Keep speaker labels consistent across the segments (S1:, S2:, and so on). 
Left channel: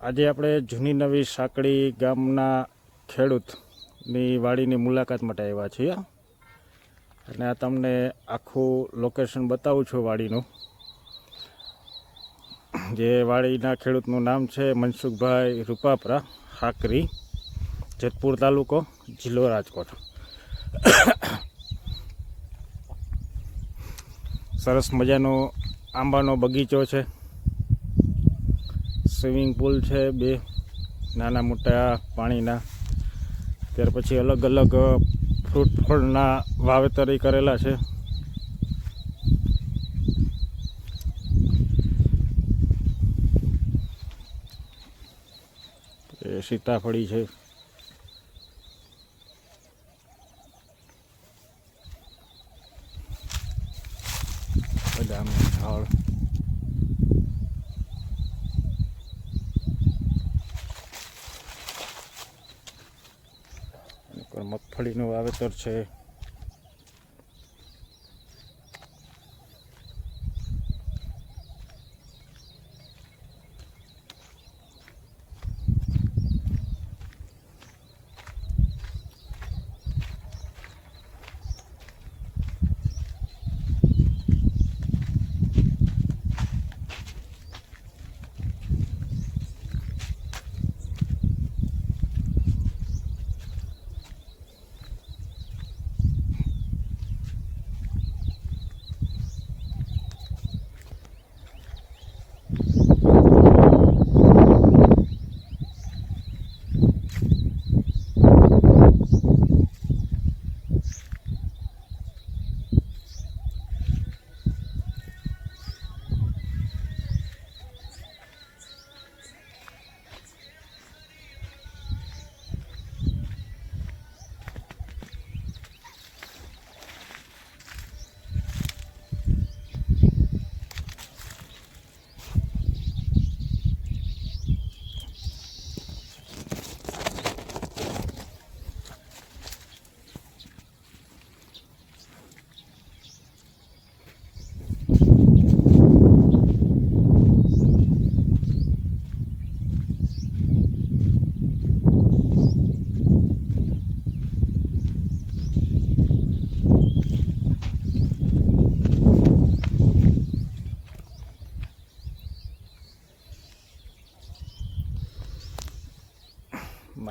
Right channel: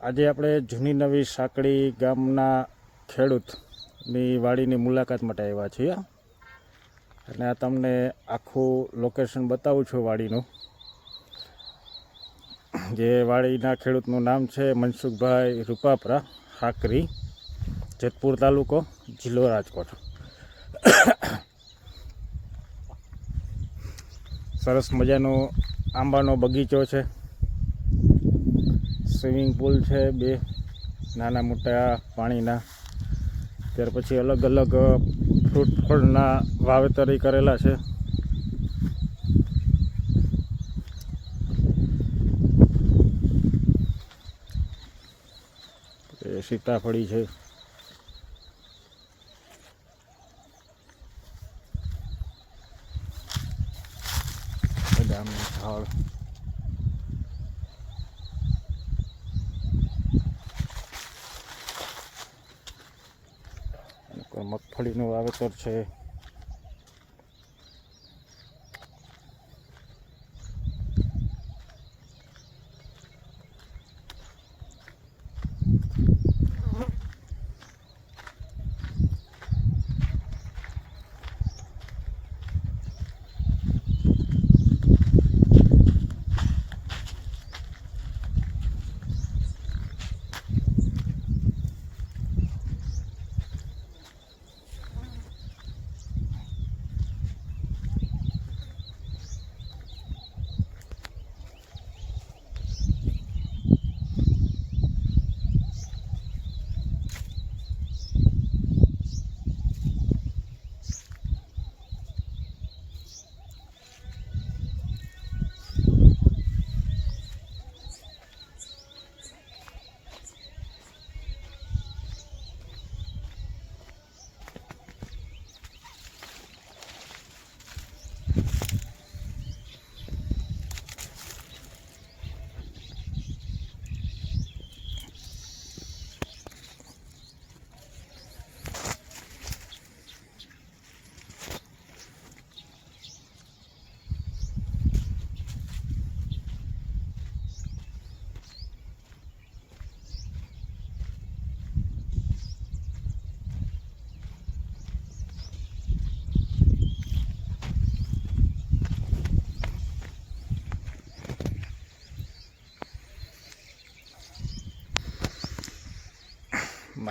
S1: આજે આપણે જૂની નવી સાંકડી ગામના ખેડૂતની વાડીની મુલાકાત માટે આવ્યા છીએ. અને આ તમને આખું લોકેશન બતાવું છું વાડીનું. જે વાડીના ખેડૂતનું નામ છે મનસુખભાઈ રૂપાપરા, હાકરી, જેતપુર તાલુકો, જિલ્લો રાજકોટ. સરસ મજાનો આંબાનો બગીચો છે. સ્વિમિંગ પુલ છે, બે નાના મોટા પાણીના. ત્યાર પછી અલગ અલગ ફ્રૂટ ફળના વાવેતરી કરેલા છે. સીતાફળી છે. બદામનું ઝાડ અને કોઈ મગફળીનું વાવેતર છે.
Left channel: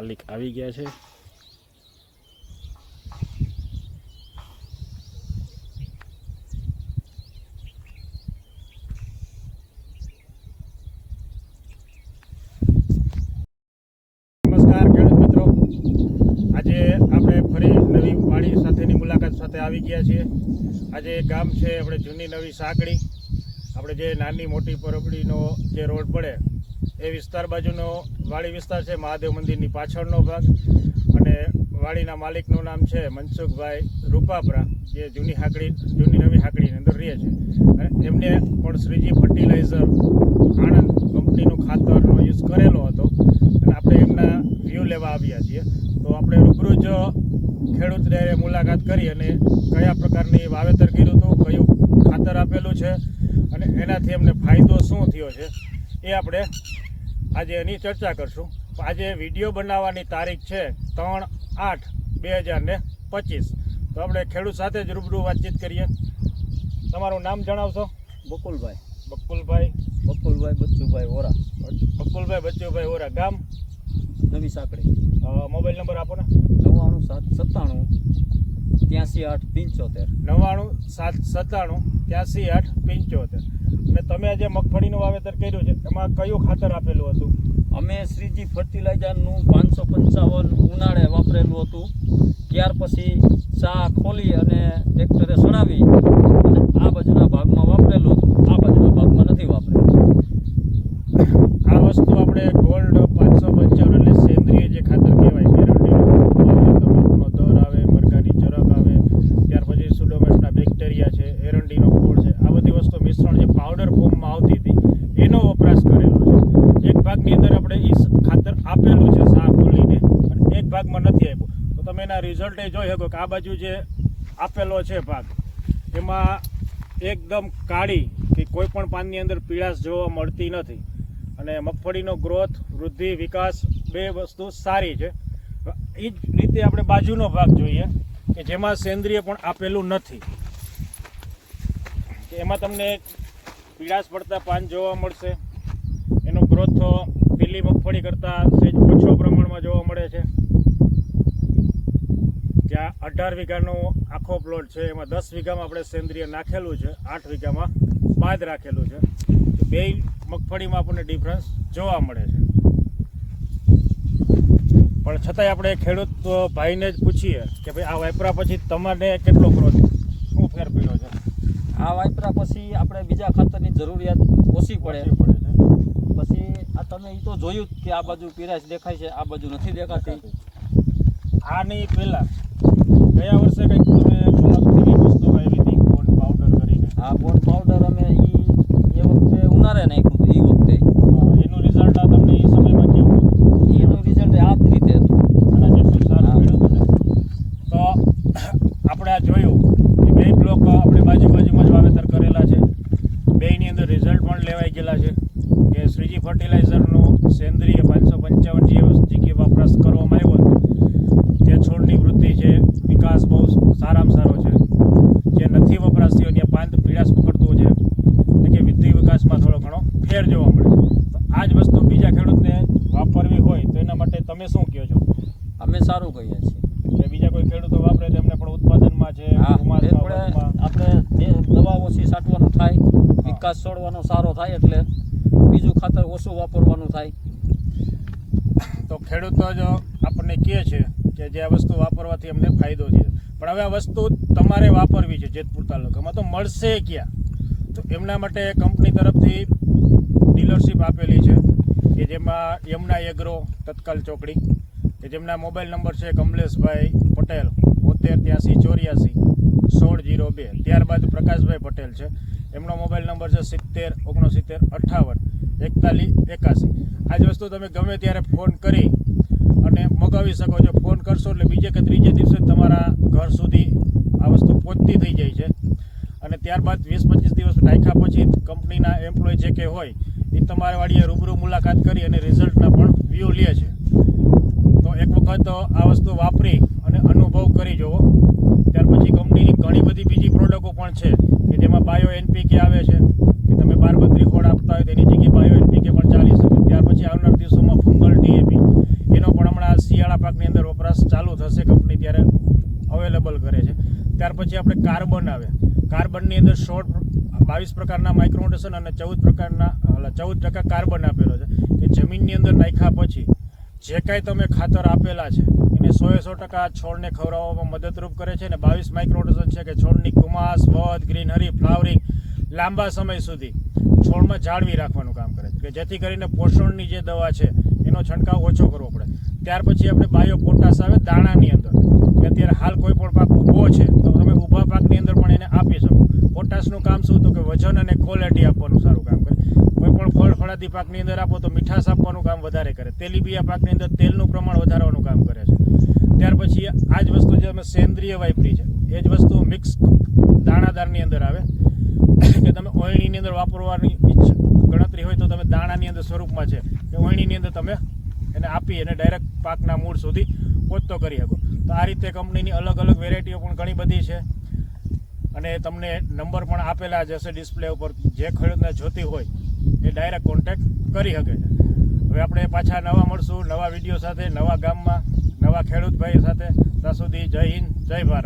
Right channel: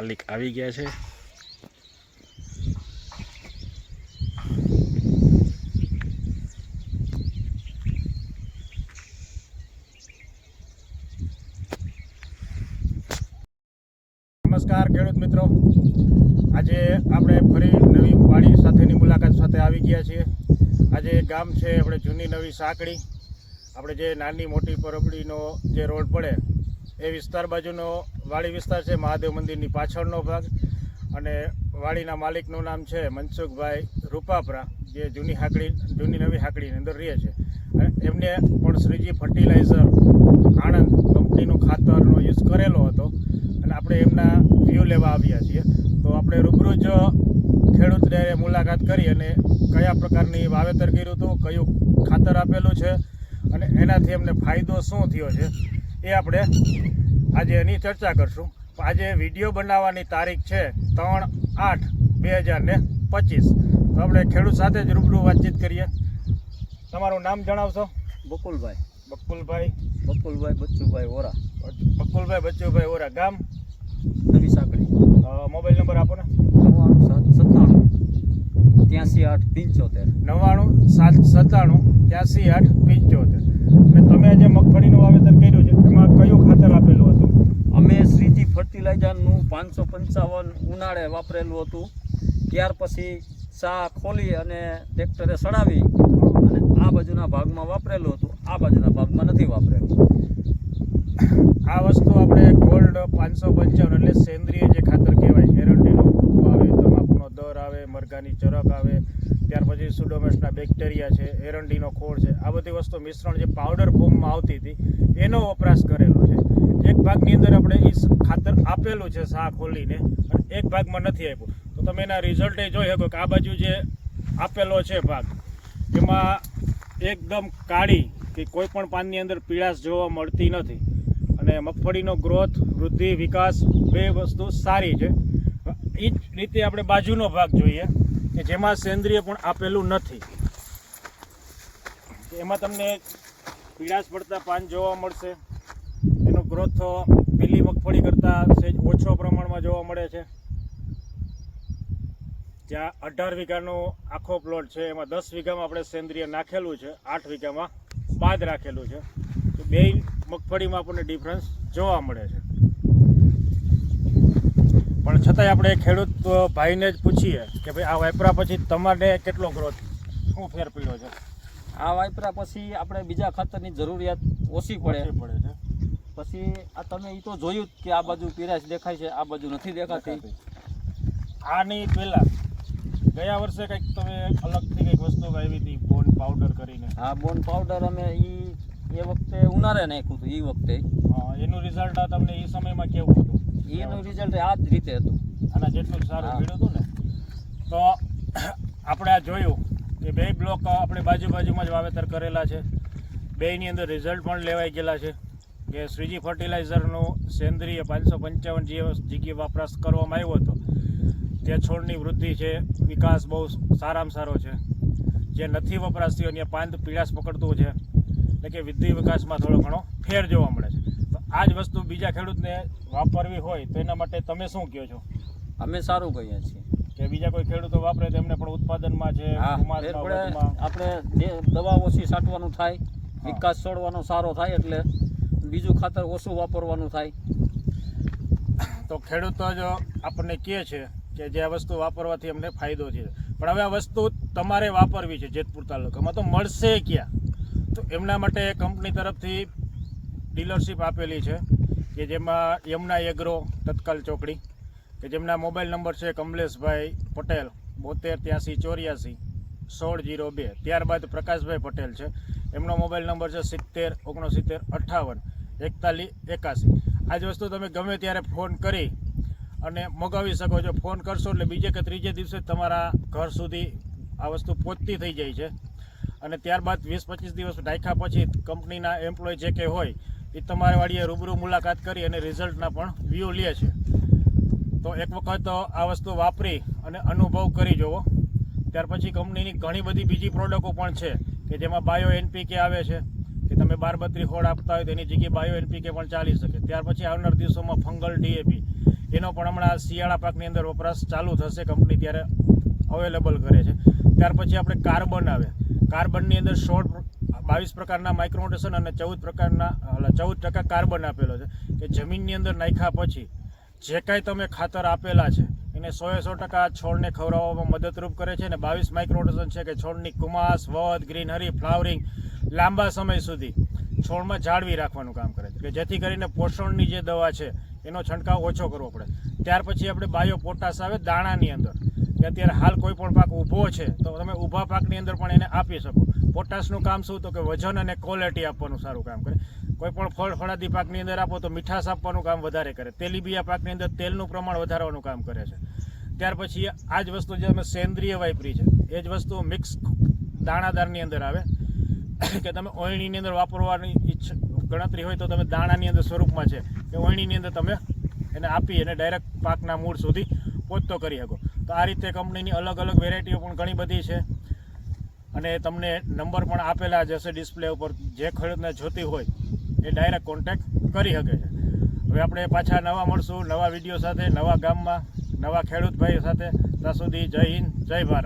S1: માલિક આવી ગયા છે. નમસ્કાર ખેડૂત મિત્રો. આજે આપણે ફરી નવી વાડી સાથેની મુલાકાત સાથે આવી ગયા છીએ. આજે ગામ છે, આપણે જૂની નવી સાંકળી. આપણે જે નાની મોટી પરબડીનો જે રોડ પડે એ વિસ્તાર બાજુનો વાડી વિસ્તાર છે, મહાદેવ મંદિરની પાછળનો ભાગ. અને વાડીના માલિકનું નામ છે મનસુખભાઈ રૂપાપરા, જે જૂની હાકડી, જૂની નવી હાકડીની અંદર રહે છે. એમને પણ શ્રીજી ફર્ટિલાઇઝર આણંદ કંપનીનું ખાતરનો યુઝ કરેલો હતો. અને આપણે એમના વ્યૂ લેવા આવ્યા છીએ. તો આપણે રૂબરૂ જ ખેડૂતને મુલાકાત કરી અને કયા પ્રકારની વાવેતર કર્યું હતું, કયું ખાતર આપેલું છે, અને એનાથી એમને ફાયદો શું થયો છે એ આપણે આજે એની ચર્ચા કરશું. આજે વીડિયો બનાવવાની તારીખ છે ત્રણ આઠ બે હજાર ને પચીસ. તો આપણે ખેડૂત સાથે જ રૂબરૂ વાતચીત કરીએ. તમારું નામ જણાવશો?
S2: બકુલભાઈ.
S1: બકુલભાઈ.
S2: બકુલભાઈ બચ્ચુભાઈ ઓરા
S1: બકુલભાઈ બચ્ચુભાઈ ઓરા ગામ?
S2: નવી સાંકળી.
S1: મોબાઈલ નંબર આપો ને.
S2: નવ્વાણું સાત સત્તાણું ત્યાંસી આઠ પંચોતેર.
S1: નવ્વાણું સાત સત્તાણું ત્યાંસી આઠ પંચોતેર. અને તમે જે મગફળીનું વાવેતર કર્યું છે એમાં કયું ખાતર આપેલું હતું?
S2: અમે શ્રીજી ફર્ટિલાઇઝરનું પાંચસો પંચાવન ઉનાળે વાપરેલું હતું. ત્યાર પછી શા ખોલી અને ટ્રેક્ટરે સડાવી અને આ બાજુના ભાગમાં વાપરેલું હતું. આ બાજુના ભાગમાં નથી વાપરેલું.
S1: આ વસ્તુ આપણે ગોલ્ડ પાંચસો પંચાવન એટલે સેન્દ્રિય જે ખાતર કહેવાય એરંડીનો ભૂકો આવે તમાકુનો દર આવે મરઘાની ચરક આવે ત્યાર પછી સુડોમેસના બેક્ટેરિયા છે એરંડીનો ખોળ છે આ બધી વસ્તુ મિશ્રણ જે પાવડર ફોર્મમાં આવતી હતી એનો વપરાશ કરેલો છે એક ભાગની અંદર આપણે એ ખાતર આપેલું છે સા ખોલીને અને એક ભાગમાં નથી આપ્યું. તો તમે એના રિઝલ્ટે જોઈ શકો કે આ બાજુ જે આપેલો છે ભાગ, એમાં એકદમ કાળી કે કોઈ પણ પાનની અંદર પીળાશ જોવા મળતી નથી. અને મગફળીનો ગ્રોથ વૃદ્ધિ, વિકાસ બે વસ્તુ સારી છે. એ જ રીતે આપણે બાજુનો ભાગ જોઈએ, કે જેમાં સેન્દ્રિય પણ આપેલું નથી. એમાં તમને પીળાશ પડતા પાન જોવા મળશે, એનો ગ્રોથ મગફળી કરતાં સહેજ ઓછો પ્રમાણમાં જોવા મળે છે. જ્યાં અઢાર વીઘાનો આખો પ્લોટ છે એમાં દસ વીઘામાં આપણે સેન્દ્રિય નાખેલું છે આઠ વીઘામાં બાદ રાખેલું છે. તો બે મગફળીમાં આપણને ડિફરન્સ જોવા મળે છે. પણ છતાંય આપણે ખેડૂત ભાઈને જ પૂછીએ કે ભાઈ આ વાપરા પછી તમારે કેટલો ગ્રોથ શું ફેર પડ્યો છે?
S2: આ વાપરા પછી આપણે બીજા ખાતરની જરૂરિયાત ઓછી પડે.
S1: પડે છે.
S2: પછી આ તમે એ તો જોયું જ કે આ બાજુ પીરાશ દેખાય છે આ બાજુ નથી દેખાતી.
S1: આની પહેલા ગયા વર્ષે કંઈક તમે અલગ એવી વસ્તુ આવી હતી બોન પાવડર કરીને.
S2: આ બોન પાવડર અમે એ એ વખતે ઉનાળે નાખ્યું હતું એ વખતે.
S1: એનું રિઝલ્ટ આ તમને એ સમયમાં કેવું હતું?
S2: એનું રિઝલ્ટ આ જ રીતે હતું.
S1: આના જેટલું સારું મળ્યું હતું ને? તો આપણે આ જોયું કે બે બ્લોક આપણે બાજુ બાજુમાં જ વાવેતર કરેલા છે. બેની અંદર રિઝલ્ટ પણ લેવાઈ ગયેલા છે. કે શ્રીજી ફર્ટિલાઇઝરનું સેન્દ્રિય પાંચસો પંચાવન જીકે વપરાશ કરવામાં આવ્યો હતો જે છોડની વૃદ્ધિ છે વિકાસ બહુ સારામાં સારો છે. જે નથી વપરાશ થયો ત્યાં પાંદ પીળાશ પકડતું છે એટલે કે વૃદ્ધિ વિકાસમાં થોડો ઘણો ફેર જોવા મળે છે. તો આ જ વસ્તુ બીજા ખેડૂતને વાપરવી હોય તો એના માટે તમે શું કહો છો?
S2: અમે સારું કહીએ છીએ.
S1: કે બીજા કોઈ ખેડૂતો વાપરે તો એમને પણ ઉત્પાદનમાં છે
S2: આપણે દવા ઓછી છાંટવાનું થાય વિકાસ છોડવાનો સારો થાય એટલે બીજું ખાતર ઓછું વાપરવાનું થાય.
S1: તો ખેડૂતો જ આપણને કહે છે કે જે આ વસ્તુ વાપરવાથી અમને ફાયદો છે. પણ હવે આ વસ્તુ તમારે વાપરવી છે જેતપુર તાલુકામાં. તો મળશે ક્યાં? તો એમના માટે કંપની તરફથી ડીલરશીપ આપેલી છે કે જેમાં યમુના એગ્રો તત્કાલ ચોકડી, કે જેમના મોબાઈલ નંબર છે કમલેશભાઈ પટેલ, બોતેર ત્યાંસી ચોર્યાસી, સોળ જીરો બે. ત્યારબાદ પ્રકાશભાઈ પટેલ છે. એમનો મોબાઈલ નંબર છે સિત્તેર, ઓગણસિત્તેર અઠ્ઠાવન એકતાલીસ એકાસી આ જ વસ્તુ તમે ગમે ત્યારે ફોન કરી અને મગાવી શકો છો. ફોન કરશો એટલે બીજે કે ત્રીજે દિવસે તમારા ઘર સુધી આ વસ્તુ પહોંચતી થઈ જાય છે. અને ત્યારબાદ વીસ પચીસ દિવસ નાખ્યા પછી કંપનીના એમ્પ્લોય જે કે હોય, એ તમારા વાળીએ રૂબરૂ મુલાકાત કરી અને રિઝલ્ટના પણ વ્યૂ લે છે. તો એક વખત આ વસ્તુ વાપરી અને અનુભવ કરી જુઓ ત્યાર પછી કંપનીની ઘણી બધી બીજી પ્રોડક્ટો પણ છે કે જેમાં બાયો એનપીકે આવે છે. કે બારબત્રી ખોળ આપતા હોય તેની જગ્યાએ બાયો એનપીકે પણ ચાલી શકે. ત્યાર પછી આવનાર દિવસોમાં ફંગલ ડીએપી. એનો પણ હમણાં શિયાળા પાકની અંદર વપરાશ ચાલુ થશે. કંપની ત્યારે અવેલેબલ કરે છે. ત્યાર પછી આપણે કાર્બન આવે. કાર્બનની અંદર શોર્ટ બાવીસ પ્રકારના માઇક્રોન્યુટ્રેશન અને ચૌદ પ્રકારના ચૌદ ટકા કાર્બન આપેલો છે. કે જમીનની અંદર નાખ્યા પછી જે કાંઈ તમે ખાતર આપેલા છે, એને સોએ સો ટકા છોડને ખવડાવવામાં મદદરૂપ કરે છે અને બાવીસ માઇક્રોન્યુટ્રેશન છે કે છોડની કુમાસ, વધ ગ્રીનરી ફ્લાવરિંગ લાંબા સમય સુધી છોડમાં જાળવી રાખવાનું કામ કરે છે. કે જેથી કરીને પોષણની જે દવા છે, એનો છંટકાવ ઓછો કરવો પડે. ત્યાર પછી આપણે બાયો પોટાશ આવે દાણાની અંદર. કે અત્યારે હાલ કોઈ પણ પાક ઊભો છે, તો તમે ઊભા પાકની અંદર પણ એને આપી શકો. પોટાશનું કામ શું તો કે વજન અને ક્વોલિટી આપવાનું સારું કામ કરે. કોઈ પણ ફળ ફળાદી પાકની અંદર આપો તો મીઠાશ આપવાનું કામ વધારે કરે. તેલીબિયા પાકની અંદર તેલનું પ્રમાણ વધારવાનું કામ કરે છે. ત્યાર પછી આ જ વસ્તુ જે અમે સેન્દ્રિય વાપરી છે, એ જ વસ્તુ મિક્સ દાણાદારની અંદર આવે. કે તમે ઓયણીની અંદર વાપરવાની ગણતરી હોય તો તમે દાણાની અંદર સ્વરૂપમાં છે. કે ઓયણીની અંદર તમે એને આપી અને ડાયરેક્ટ પાકના મૂળ સુધી પહોંચતો કરી શકો. તો આ રીતે કંપનીની અલગ અલગ વેરાયટીઓ પણ ઘણી બધી છે. અને તમને નંબર પણ આપેલા જ હશે ડિસ્પ્લે ઉપર. જે ખેડૂતને જોતી હોય એ ડાયરેક્ટ કોન્ટેક્ટ કરી શકે છે. હવે આપણે પાછા નવા મળશું નવા વીડિયો સાથે, નવા ગામમાં, નવા ખેડૂત ભાઈ સાથે. ત્યાં સુધી જય હિન્દ, જય ભારત.